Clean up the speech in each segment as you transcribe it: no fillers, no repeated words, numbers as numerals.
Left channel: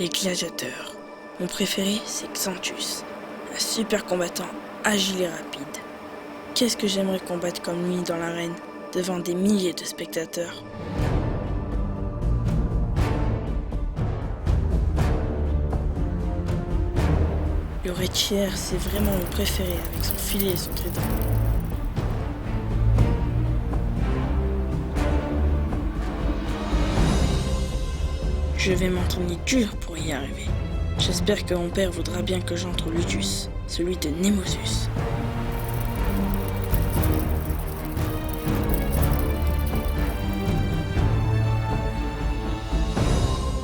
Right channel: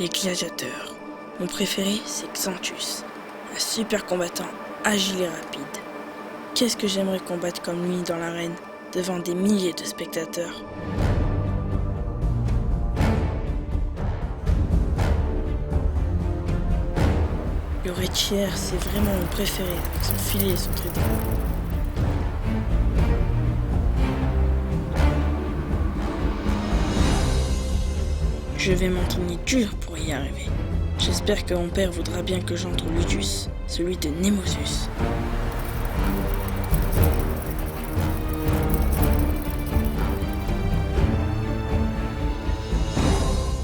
Les gladiateurs. Mon préféré, c'est Xanthus. Un super combattant, agile et rapide. Qu'est-ce que j'aimerais combattre comme lui dans l'arène, devant des milliers de spectateurs. Le Retchier, c'est vraiment mon préféré, avec son filet et son trident. Je vais m'entraîner dur pour y arriver. J'espère que mon père voudra bien que j'entre au Lutus, celui de Nemosus.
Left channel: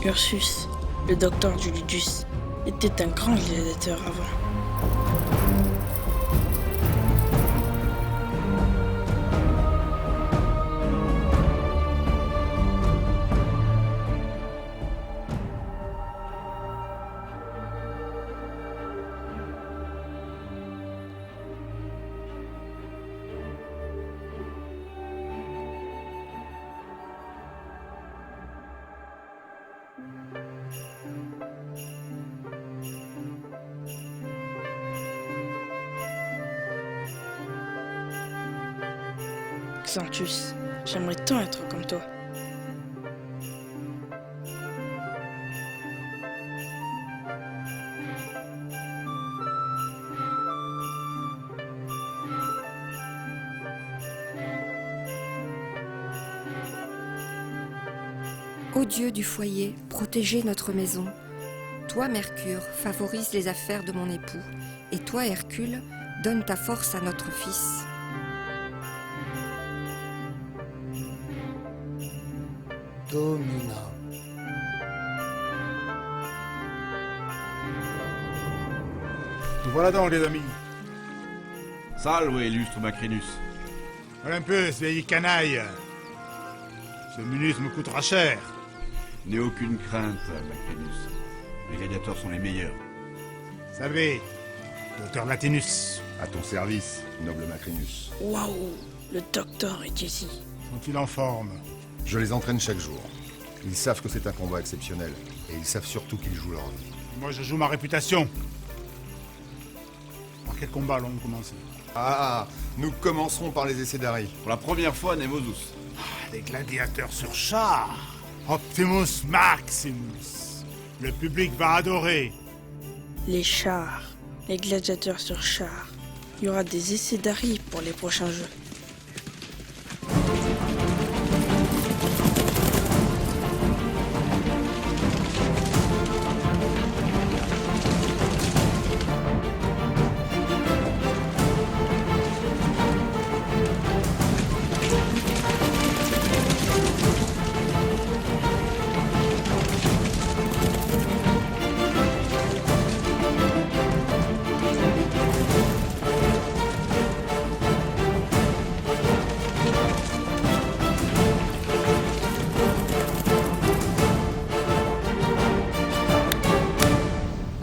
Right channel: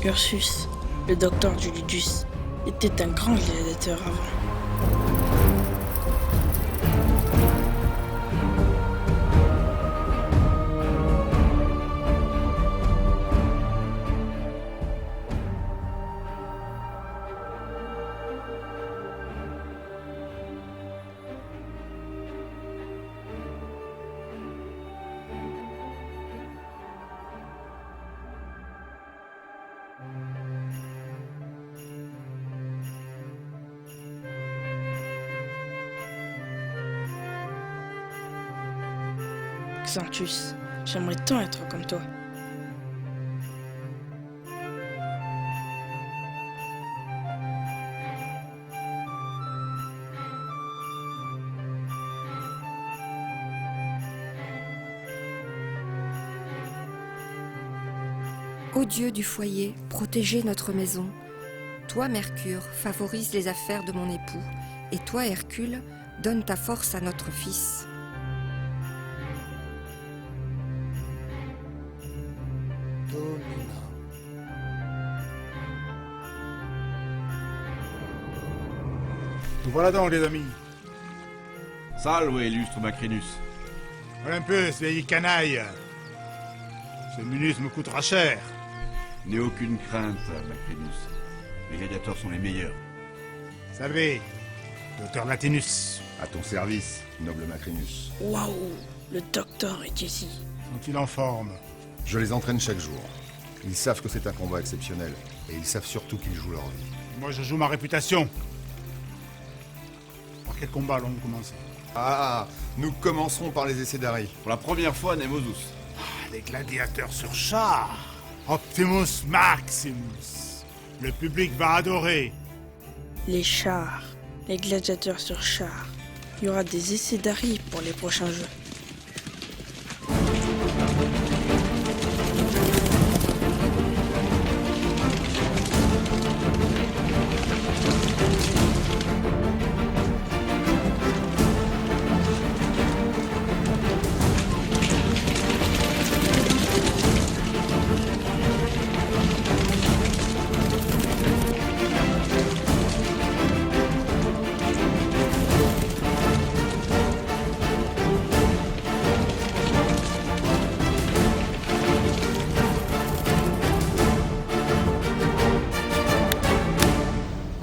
Ursus, le docteur du Ludus, était un grand gladiateur avant. Xanthus, j'aimerais tant être comme toi. Ô Dieu du foyer, protégez notre maison. Toi, Mercure, favorise les affaires de mon époux, et toi, Hercule, donne ta force à notre fils. Domina. Nous voilà donc, les amis. Salve, illustre Macrinus. Olympus, vieille canaille. Ce Munus me coûtera cher. N'aie aucune crainte, Macrinus. Les gladiateurs sont les meilleurs. Salve, docteur Latinus. À ton service, noble Macrinus. Waouh, le docteur est ici. Sont-ils en forme? Je les entraîne chaque jour. Ils savent que c'est un combat exceptionnel, et ils savent surtout qu'ils jouent leur vie. Moi, je joue ma réputation. Par quel combat allons-nous commencer? Ah, nous commencerons par les essais d'Harry. Pour la première fois, Nemosus. Les gladiateurs sur char. Optimus Maximus. Le public va adorer. Les chars, les gladiateurs sur chars. Il y aura des essais d'Harry pour les prochains jeux.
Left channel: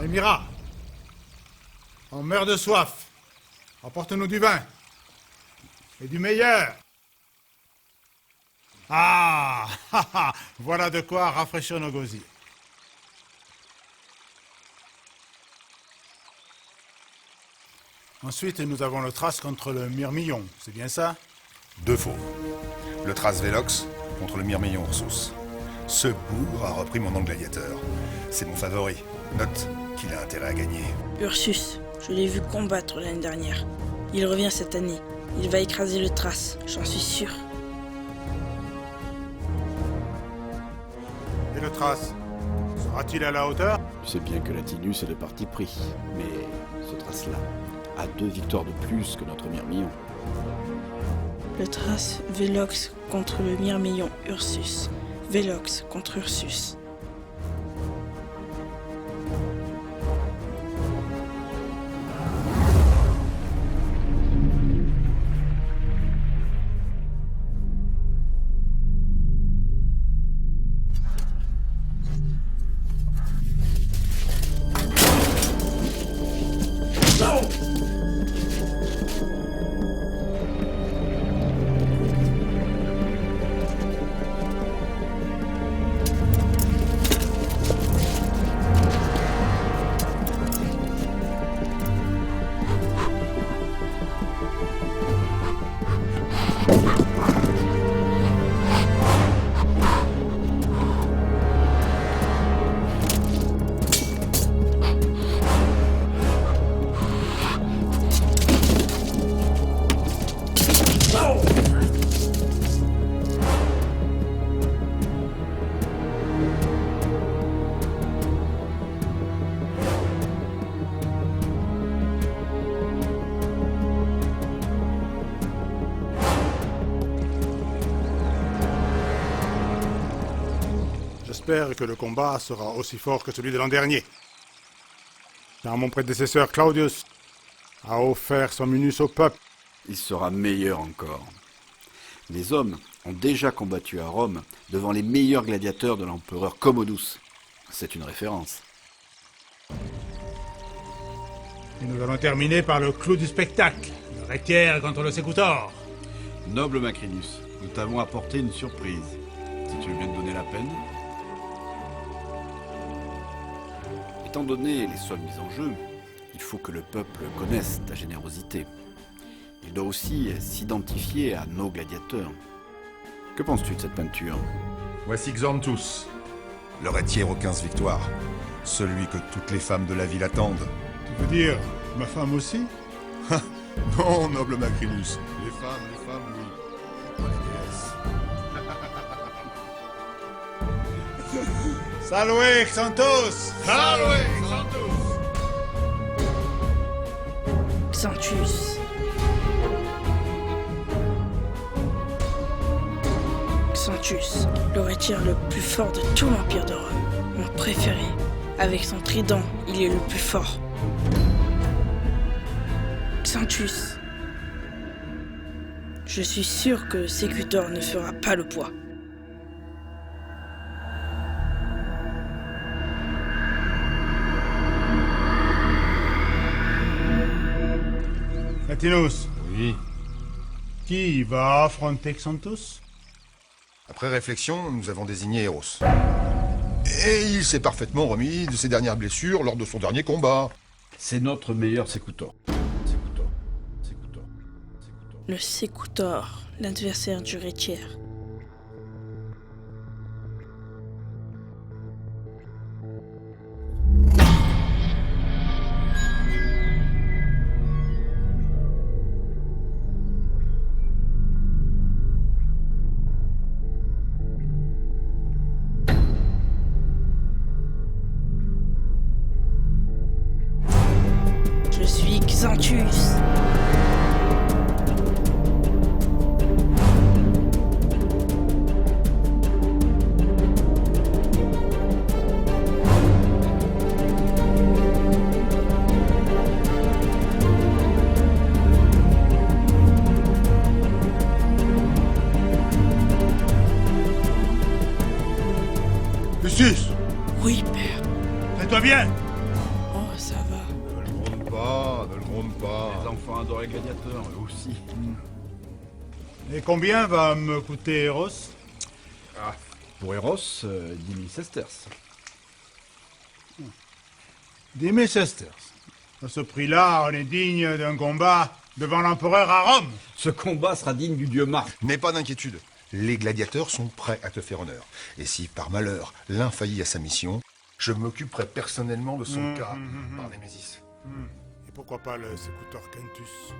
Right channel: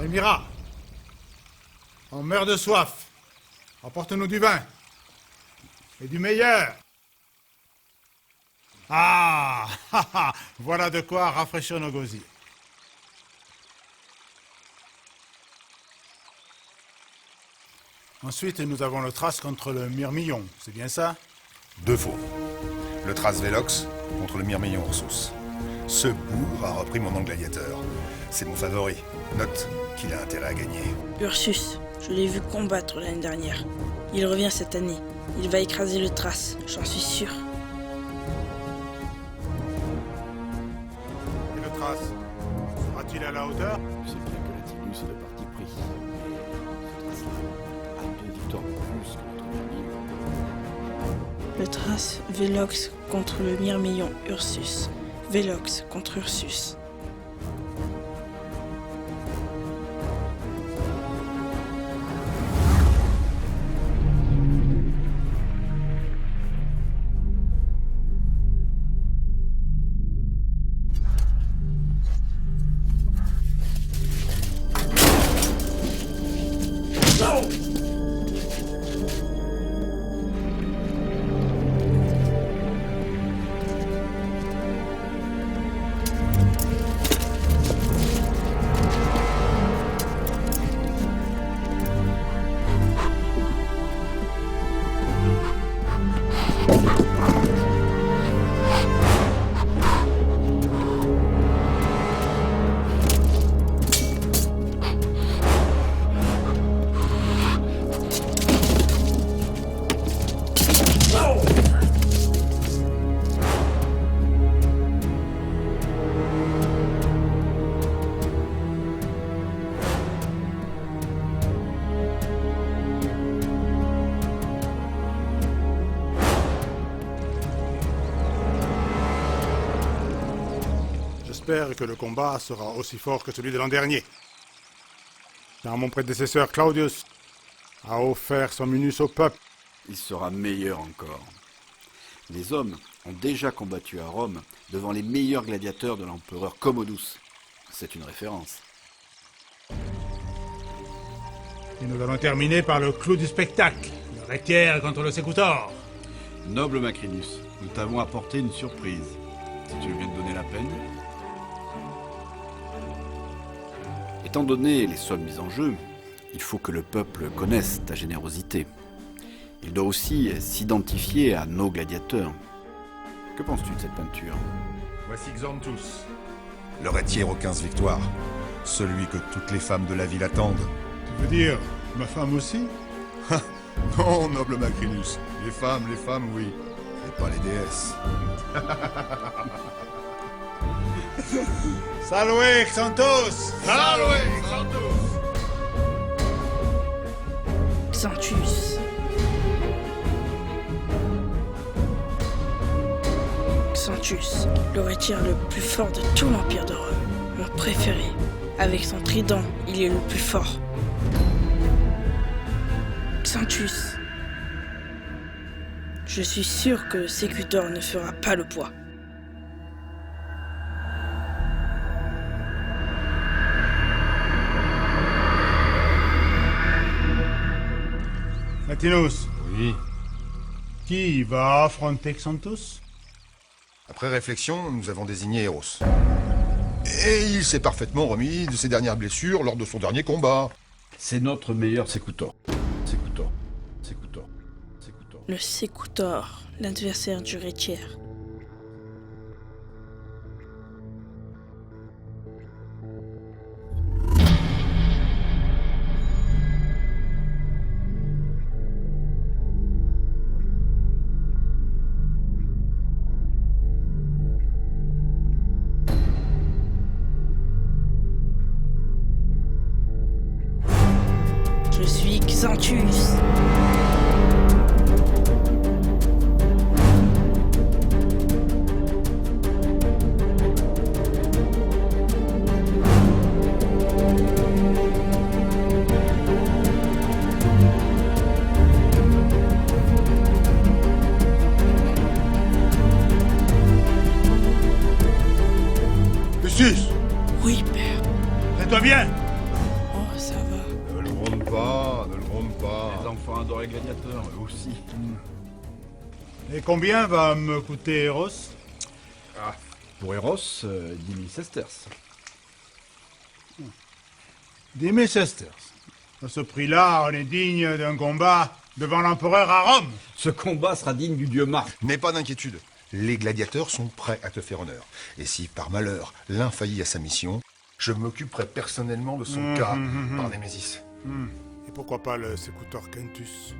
Elmira, on meurt de soif. Apporte-nous du vin. Et du meilleur. Ah, voilà de quoi rafraîchir nos gosiers. Ensuite, nous avons le trace contre le myrmillon, c'est bien ça? Deux faux. Le Thrace Velox contre le Myrmillon Ursus. Ce bougre a repris mon nom de gladiateur. C'est mon favori. Note qu'il a intérêt à gagner. Ursus, je l'ai vu combattre l'année dernière. Il revient cette année. Il va écraser le Thrace, j'en suis sûr. Et le trace, sera-t-il à la hauteur? Je sais bien que Latinus est de parti pris, mais ce trace-là a 2 victoires de plus que notre Myrmillon. Le Thrace Velox contre le Myrmillon Ursus. Velox contre Ursus. J'espère que le combat sera aussi fort que celui de l'an dernier. Car mon prédécesseur Claudius a offert son Munus au peuple. Il sera meilleur encore. Les hommes ont déjà combattu à Rome devant les meilleurs gladiateurs de l'empereur Commodus. C'est une référence. Et nous allons terminer par le clou du spectacle. Le Rétiaire contre le Sécutor. Noble Macrinus, nous t'avons apporté une surprise. Si tu veux bien te donner la peine. Étant donné les sommes mises en jeu, il faut que le peuple connaisse ta générosité. Il doit aussi s'identifier à nos gladiateurs. Que penses-tu de cette peinture? Voici Xanthus, le Rétiaire aux 15 victoires. Celui que toutes les femmes de la ville attendent. Tu veux dire ma femme aussi? Non, noble Macrinus. Les femmes, oui. Mais pas les déesses. Salve Xanthus! Salve, Xanthus! Xanthus. Xanthus, le Rétiaire le plus fort de tout l'Empire de Rome. Mon préféré. Avec son trident, il est le plus fort. Xanthus. Je suis sûr que le Sécutor ne fera pas le poids. Latinus, Oui. qui va affronter Xanthus? Après réflexion, nous avons désigné Eros. Et il s'est parfaitement remis de ses dernières blessures lors de son dernier combat. C'est notre meilleur Sécutor. Sécutor. Le Sécutor, l'adversaire du Rétiaire. Je suis Xanthus. Lucius, Oui, père. tiens-toi bien! Oh, ça va. Ne le gronde pas, ne le gronde pas. Les enfants adorent les gladiateurs, eux aussi. Et combien va me coûter Eros? Pour Eros, 10 000 sesterces. 10 000 sesterces. À ce prix-là, on est digne d'un combat devant l'empereur à Rome. Ce combat sera digne du dieu Mars. N'aie pas d'inquiétude. Les gladiateurs sont prêts à te faire honneur. Et si, par malheur, l'un faillit à sa mission, je m'occuperai personnellement de son cas par Némésis. Et pourquoi pas le Sécutor Quintus?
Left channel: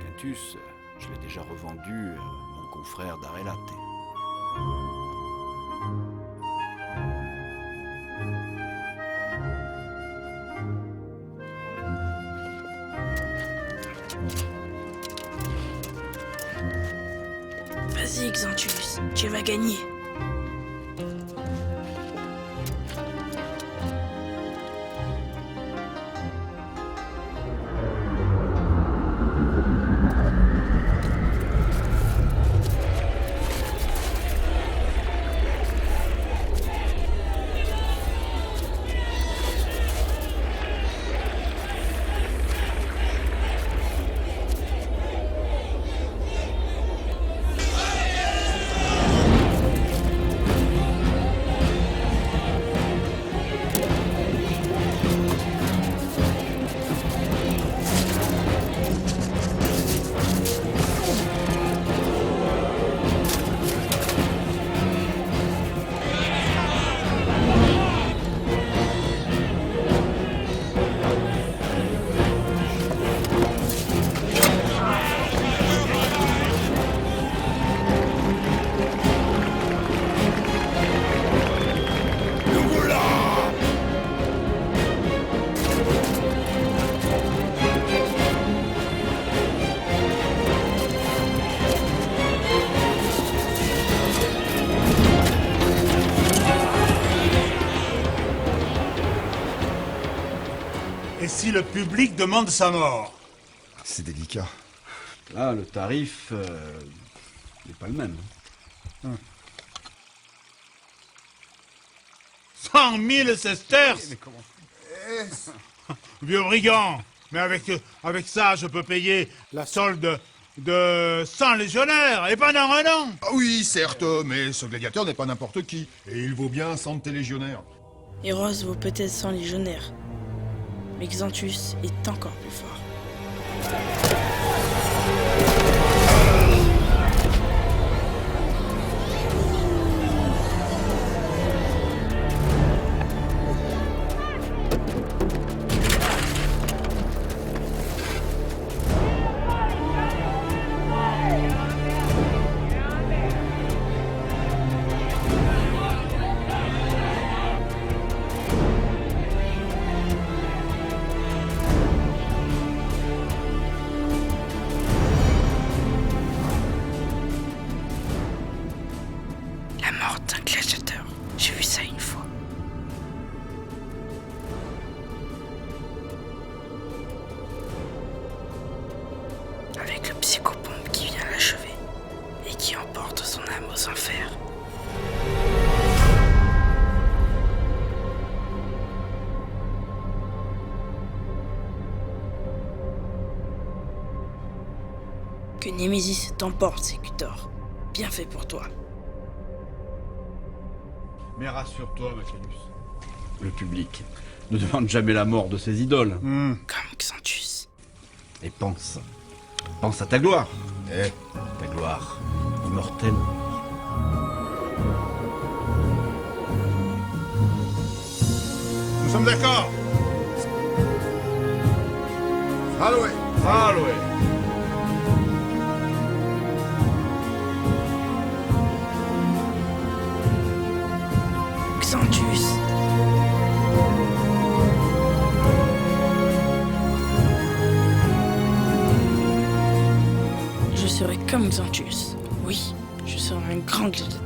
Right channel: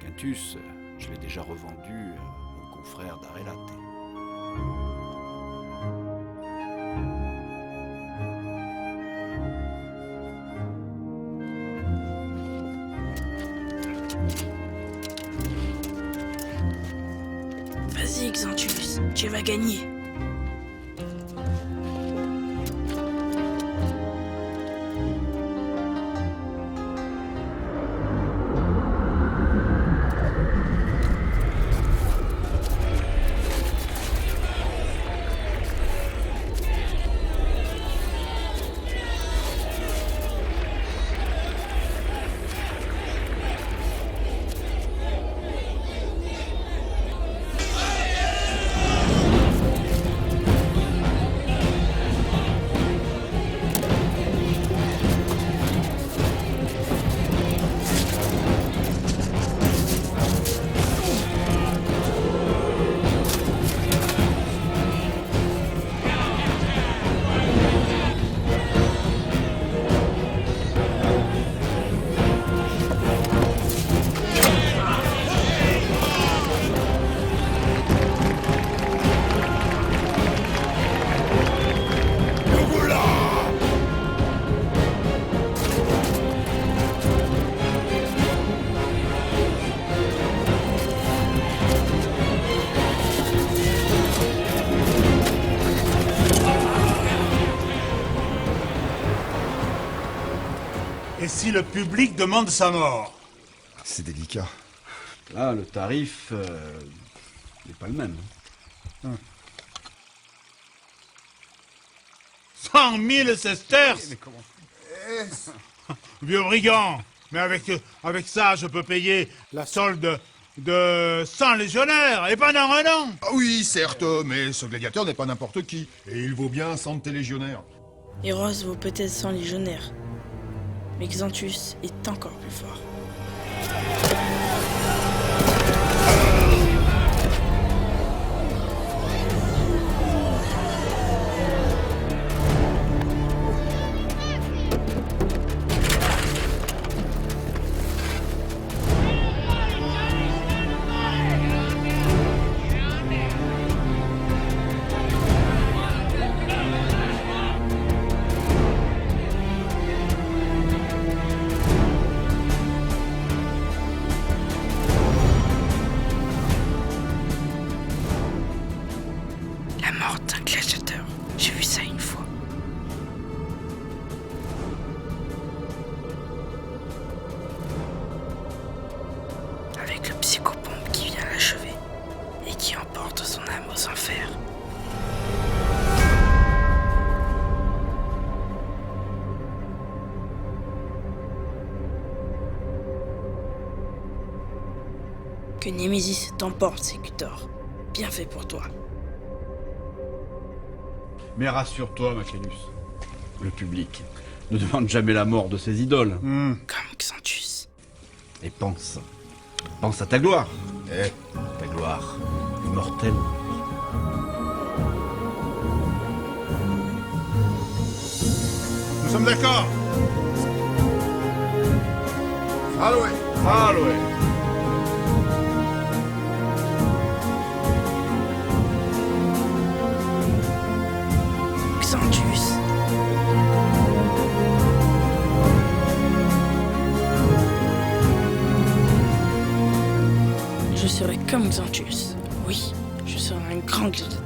Quintus, je l'ai déjà revendu à mon confrère d'Arelate. Vas-y, Xanthus, tu vas gagner. Et si le public demande sa mort? C'est délicat. Là, le tarif n'est pas le même. 100 000 sesterces. Vieux brigand. Mais avec ça, je peux payer la solde de 100 légionnaires, et pendant un an. Ah oui, certes, mais ce gladiateur n'est pas n'importe qui. Et il vaut bien 100 de tes légionnaires. Eros vaut peut-être 100 légionnaires, mais Xanthus est encore plus fort. La mort d'un gladiateur, j'ai vu ça une fois. Avec le psychopompe qui vient l'achever et qui emporte son âme aux enfers. Que Némésis t'emporte, Sécutor. Bien fait pour toi. Mais rassure-toi, Macrinus. Le public ne demande jamais la mort de ses idoles. Comme Xanthus. Et pense à ta gloire. Eh, Ta gloire immortelle. Nous sommes d'accord. Alloué. Alloué. Xanthus. Je serai comme Xanthus. Oui, je serai un grand gladiateur.